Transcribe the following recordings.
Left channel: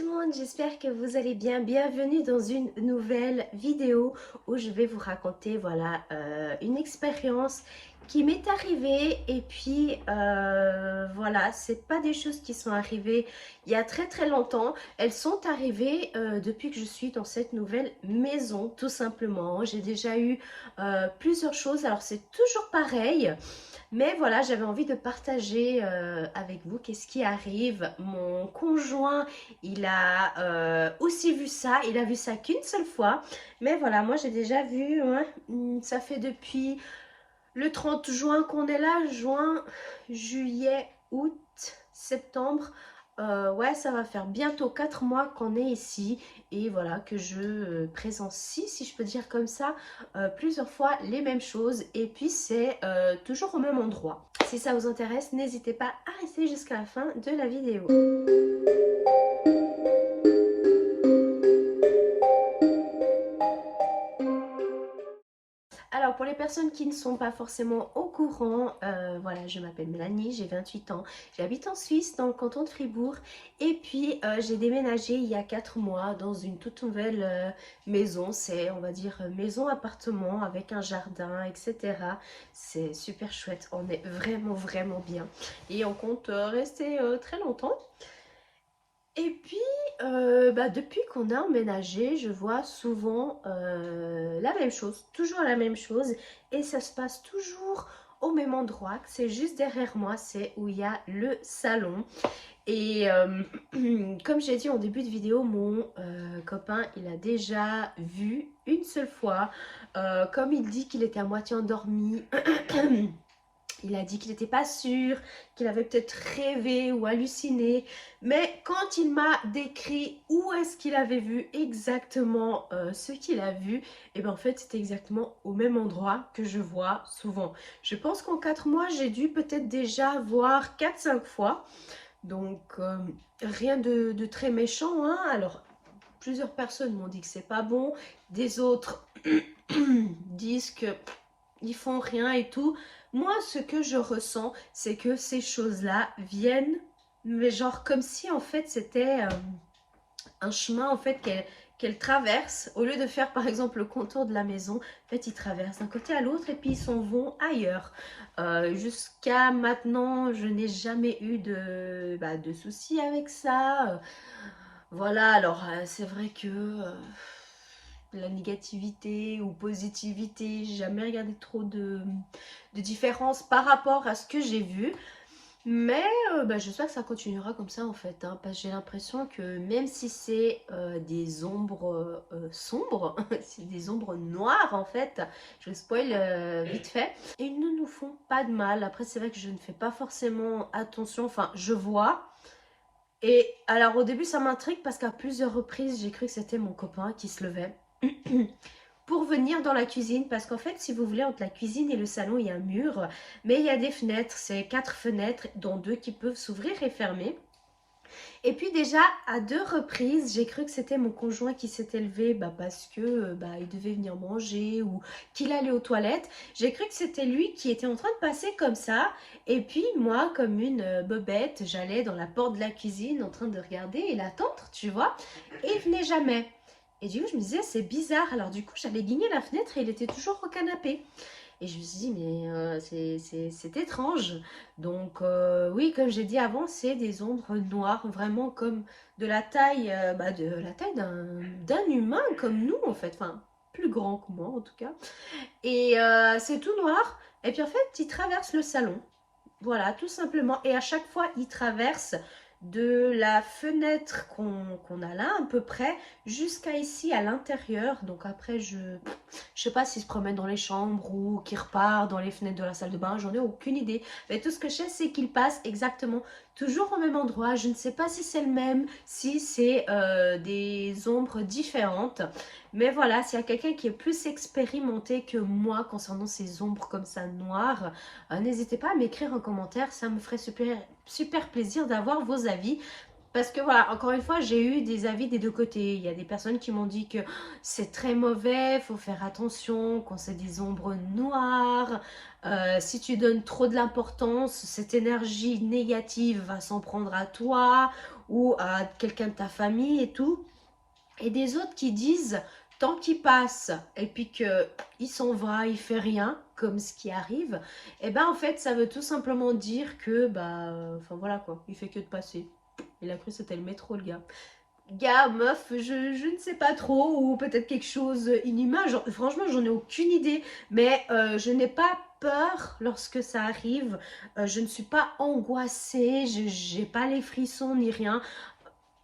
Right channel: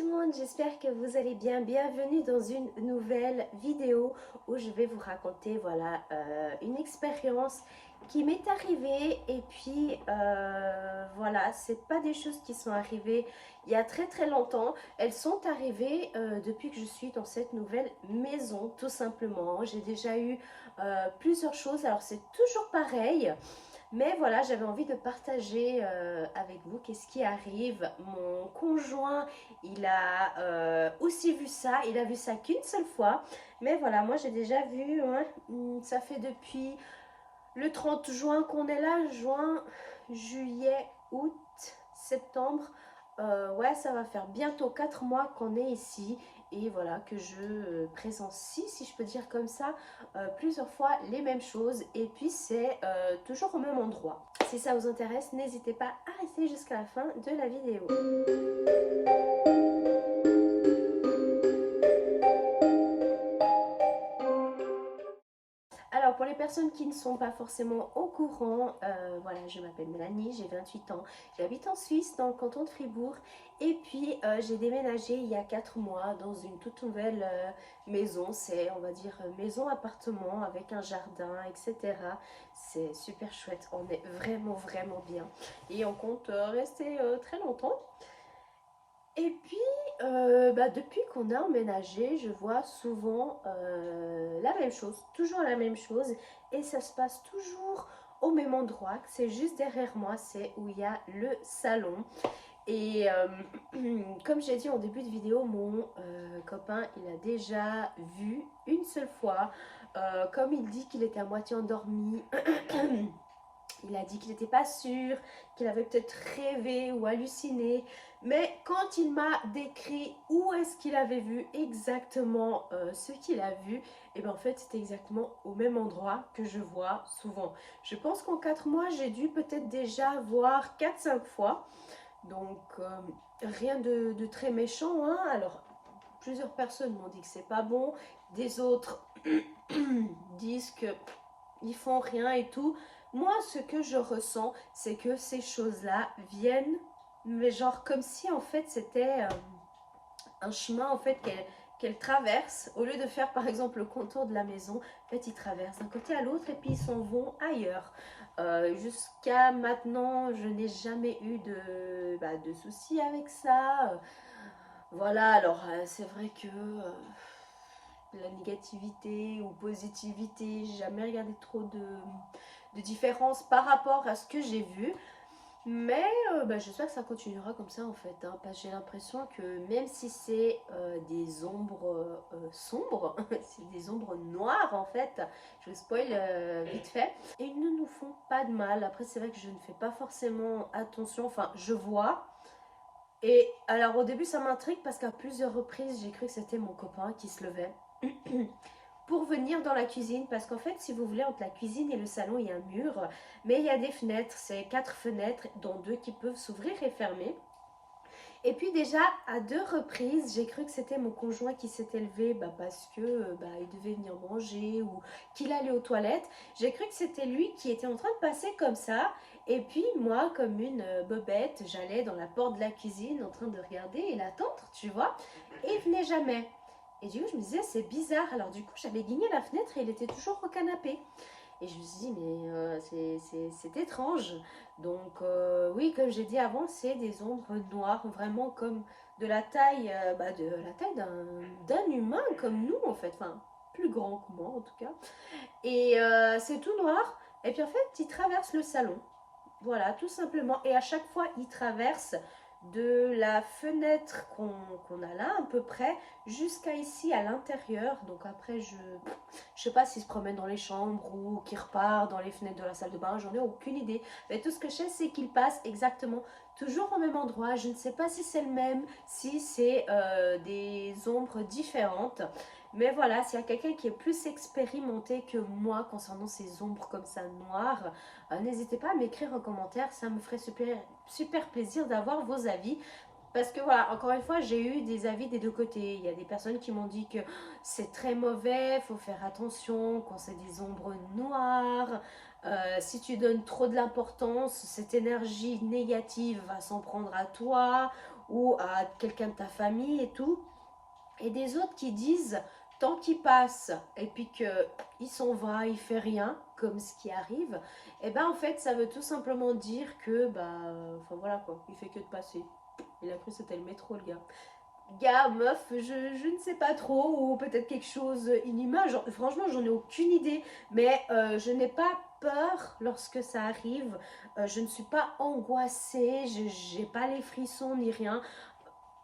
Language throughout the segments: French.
tout le monde, j'espère que vous allez bien. Bienvenue dans une nouvelle vidéo où je vais vous raconter voilà, une expérience qui m'est arrivée et puis voilà, c'est pas des choses qui sont arrivées il y a très longtemps, elles sont arrivées depuis que je suis dans cette nouvelle maison tout simplement. J'ai déjà eu plusieurs choses, alors c'est toujours pareil. Mais voilà, j'avais envie de partager avec vous qu'est-ce qui arrive. Mon conjoint, il a aussi vu ça. Il a vu ça qu'une seule fois. Mais voilà, moi j'ai déjà vu, hein, ça fait depuis le 30 juin qu'on est là. Juin, juillet, août, septembre. Ouais, ça va faire bientôt 4 mois qu'on est ici. Et voilà, que je présencie, si je peux dire comme ça, plusieurs fois les mêmes choses. Et puis c'est toujours au même endroit. Si ça vous intéresse, n'hésitez pas à rester jusqu'à la fin de la vidéo. Alors pour les personnes qui ne sont pas forcément au courant, voilà, je m'appelle Mélanie, j'ai 28 ans, j'habite en Suisse dans le canton de Fribourg et puis j'ai déménagé il y a 4 mois dans une toute nouvelle maison, c'est on va dire maison appartement avec un jardin, etc. C'est super chouette, on est vraiment bien et on compte rester très longtemps. Et puis, depuis qu'on a emménagé, je vois souvent la même chose, toujours la même chose, et ça se passe toujours au même endroit, c'est juste derrière moi, c'est où il y a le salon. Et comme j'ai dit en début de vidéo, mon copain, il a déjà vu une seule fois, comme il dit qu'il était à moitié endormi. Il a dit qu'il n'était pas sûr, qu'il avait peut-être rêvé ou halluciné. Mais quand il m'a décrit où est-ce qu'il avait vu exactement ce qu'il a vu, et bien en fait c'était exactement au même endroit que je vois souvent. Je pense qu'en 4 mois, j'ai dû peut-être déjà voir 4-5 fois. Donc rien de très méchant, hein. Alors plusieurs personnes m'ont dit que c'est pas bon. Des autres disent que ils font rien et tout. Moi, ce que je ressens, c'est que ces choses-là viennent, mais genre comme si en fait c'était un chemin en fait qu'elle traverse. Au lieu de faire par exemple le contour de la maison, en fait ils traversent d'un côté à l'autre et puis ils s'en vont ailleurs. Jusqu'à maintenant, je n'ai jamais eu de soucis avec ça. Voilà, alors c'est vrai que la négativité ou positivité, j'ai jamais regardé trop de différence par rapport à ce que j'ai vu. Mais j'espère que ça continuera comme ça en fait, hein, parce que j'ai l'impression que même si c'est des ombres sombres, c'est des ombres noires en fait, je spoil vite fait, ils ne nous font pas de mal. Après c'est vrai que je ne fais pas forcément attention, enfin je vois. Et alors au début ça m'intrigue parce qu'à plusieurs reprises j'ai cru que c'était mon copain qui se levait pour venir dans la cuisine, parce qu'en fait si vous voulez entre la cuisine et le salon il y a un mur, mais il y a des fenêtres, c'est 4 fenêtres dont 2 qui peuvent s'ouvrir et fermer. Et puis déjà à 2 reprises j'ai cru que c'était mon conjoint qui s'était levé parce que il devait venir manger ou qu'il allait aux toilettes. J'ai cru que c'était lui qui était en train de passer comme ça, et puis moi comme une bobette j'allais dans la porte de la cuisine en train de regarder et l'attendre, tu vois, et il venait jamais. Et du coup je me disais c'est bizarre, alors du coup j'allais guigner la fenêtre et il était toujours au canapé. Et je me suis dit, mais c'est étrange. Donc, oui, comme j'ai dit avant, c'est des ombres noires, vraiment comme de la taille, d'un humain comme nous, en fait. Enfin, plus grand que moi, en tout cas. Et c'est tout noir. Et puis, en fait, il traverse le salon. Voilà, tout simplement. Et à chaque fois, il traverse de la fenêtre qu'on a là, à peu près, jusqu'à ici, à l'intérieur. Donc après, je sais pas s'il se promène dans les chambres ou qu'il repart dans les fenêtres de la salle de bain. J'en ai aucune idée. Mais tout ce que je sais, c'est qu'il passe exactement toujours au même endroit. Je ne sais pas si c'est le même, si c'est des ombres différentes. Mais voilà, s'il y a quelqu'un qui est plus expérimenté que moi concernant ces ombres comme ça noires, n'hésitez pas à m'écrire en commentaire, ça me ferait super plaisir d'avoir vos avis. Parce que voilà, encore une fois, j'ai eu des avis des deux côtés. Il y a des personnes qui m'ont dit que c'est très mauvais, faut faire attention quand c'est des ombres noires. Si tu donnes trop de l'importance, cette énergie négative va s'en prendre à toi. ou à quelqu'un de ta famille et tout, et des autres qui disent tant qu'il passe et puis qu'il s'en va, il fait rien, comme ce qui arrive, et ben en fait ça veut tout simplement dire que bah enfin voilà quoi, il fait que de passer. Il a cru que c'était le métro le gars. Gars, meuf, je ne sais pas trop, ou peut-être quelque chose inhumain. Franchement, j'en ai aucune idée, mais je n'ai pas peur lorsque ça arrive. Je ne suis pas angoissée, je n'ai pas les frissons ni rien.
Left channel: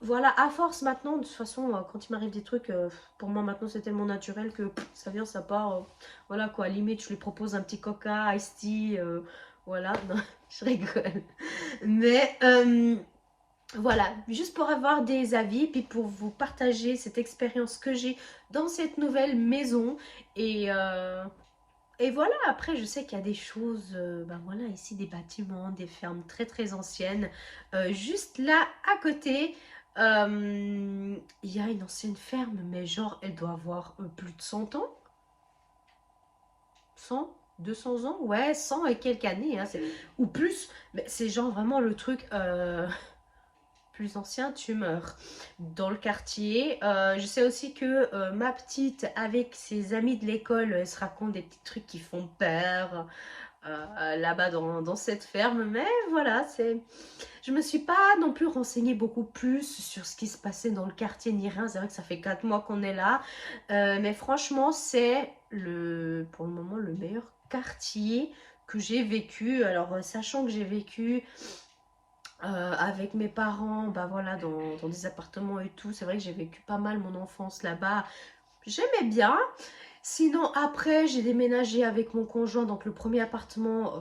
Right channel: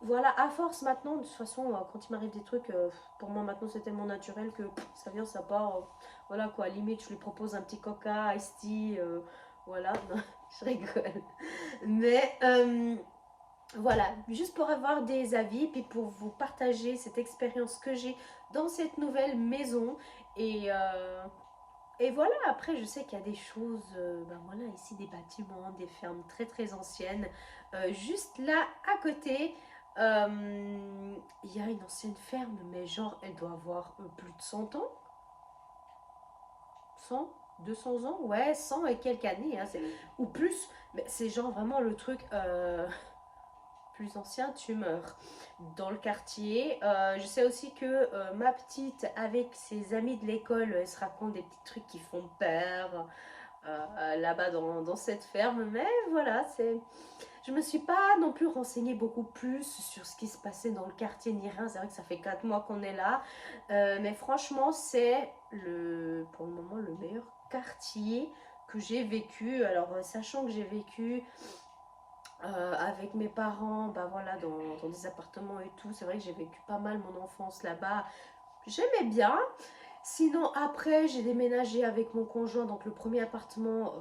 Voilà, à force maintenant, de toute façon, quand il m'arrive des trucs, pour moi maintenant c'est tellement naturel que ça vient, ça part. Voilà quoi, limite, je lui propose un petit coca, iced tea, voilà, non, je rigole. Mais voilà, juste pour avoir des avis, puis pour vous partager cette expérience que j'ai dans cette nouvelle maison. Et, euh, et voilà, après je sais qu'il y a des choses, ben voilà, ici des bâtiments, des fermes très très anciennes. Juste là, à côté, il y a une ancienne ferme, mais genre elle doit avoir plus de 100 ans. 100, 200 ans, ouais, 100 et quelques années, hein, ou plus. Mais c'est genre vraiment le truc... plus ancien, tu meurs dans le quartier. Je sais aussi que ma petite, avec ses amis de l'école, se raconte des petits trucs qui font peur là-bas dans cette ferme. Mais voilà, je me suis pas non plus renseignée beaucoup plus sur ce qui se passait dans le quartier ni rien. C'est vrai que ça fait 4 mois qu'on est là. Mais franchement, c'est pour le moment le meilleur quartier que j'ai vécu. Alors, sachant que j'ai vécu avec mes parents, bah voilà, dans des appartements et tout. C'est vrai que j'ai vécu pas mal mon enfance là-bas. J'aimais bien. Sinon, après, j'ai déménagé avec mon conjoint. Donc, le premier appartement,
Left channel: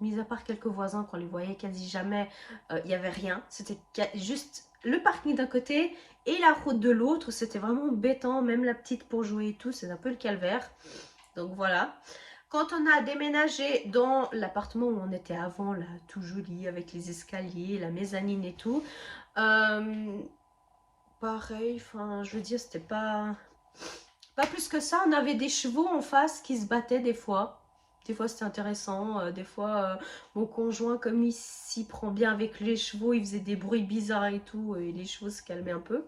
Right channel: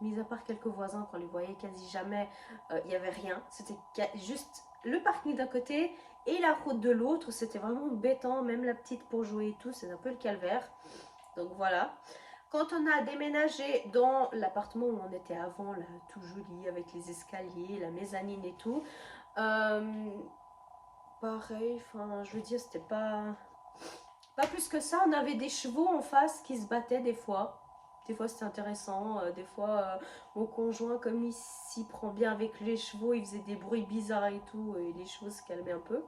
mis à part quelques voisins qu'on les voyait quasi jamais, il n'y avait rien. C'était juste le parking d'un côté et la route de l'autre. C'était vraiment embêtant. Même la petite pour jouer et tout, c'est un peu le calvaire. Donc, voilà. Quand on a déménagé dans l'appartement où on était avant, là, tout joli, avec les escaliers, la mezzanine et tout, euh, pareil, enfin, je veux dire, c'était pas plus que ça. On avait des chevaux en face qui se battaient des fois. Des fois, c'était intéressant. Des fois, mon conjoint, comme il s'y prend bien avec les chevaux, il faisait des bruits bizarres et tout, et les chevaux se calmaient un peu.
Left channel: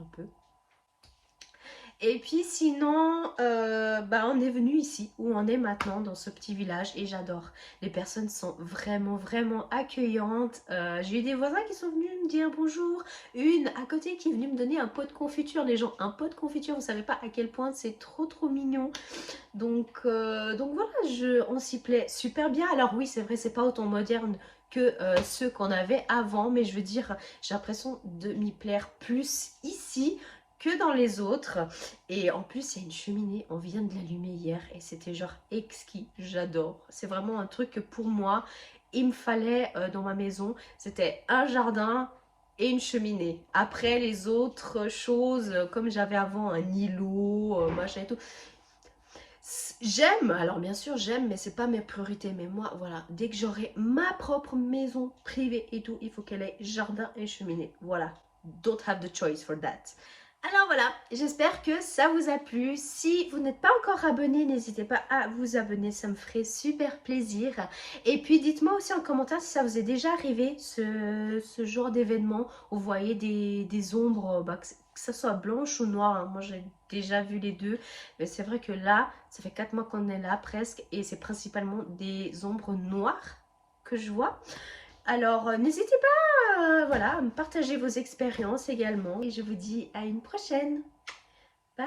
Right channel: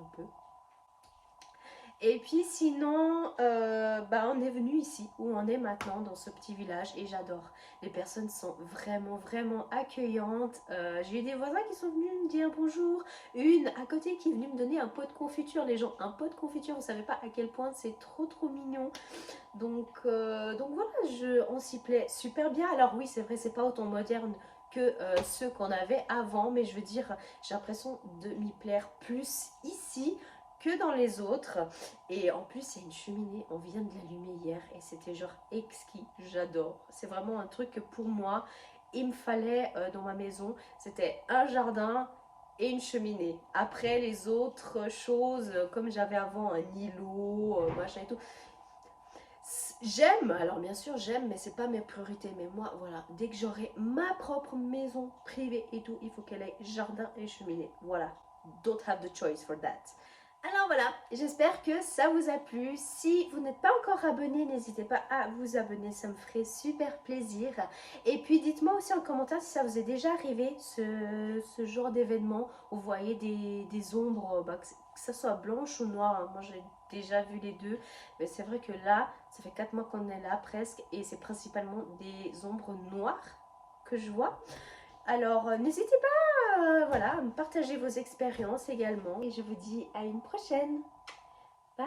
Un peu. Et puis sinon, bah on est venu ici, où on est maintenant, dans ce petit village, et j'adore. Les personnes sont vraiment, vraiment accueillantes. J'ai eu des voisins qui sont venus me dire bonjour. Une à côté qui est venue me donner un pot de confiture. Les gens, un pot de confiture, vous savez pas à quel point c'est trop, trop mignon. Donc voilà, on s'y plaît super bien. Alors oui, c'est vrai, c'est pas autant moderne que ceux qu'on avait avant, mais je veux dire, j'ai l'impression de m'y plaire plus ici que dans les autres. Et en plus, il y a une cheminée, on vient de l'allumer hier et c'était genre exquis, j'adore. C'est vraiment un truc que pour moi, il me fallait dans ma maison. C'était un jardin et une cheminée. Après, les autres choses, comme j'avais avant un îlot, machin et tout, j'aime, alors bien sûr j'aime, mais c'est pas mes priorités. Mais moi, voilà, dès que j'aurai ma propre maison privée et tout, il faut qu'elle ait jardin et cheminée. Voilà, don't have the choice for that. Alors voilà, j'espère que ça vous a plu. Si vous n'êtes pas encore abonné, n'hésitez pas à vous abonner, ça me ferait super plaisir. Et puis dites-moi aussi en commentaire si ça vous est déjà arrivé, ce genre d'événement où vous voyez des ombres, bah, que ça soit blanche ou noire. Hein. Moi j'ai déjà vu les deux, mais c'est vrai que là, ça fait 4 mois qu'on est là presque, et c'est principalement des ombres noires que je vois. Alors n'hésitez pas voilà, à me partager vos expériences également, et je vous dis à une prochaine. Bye.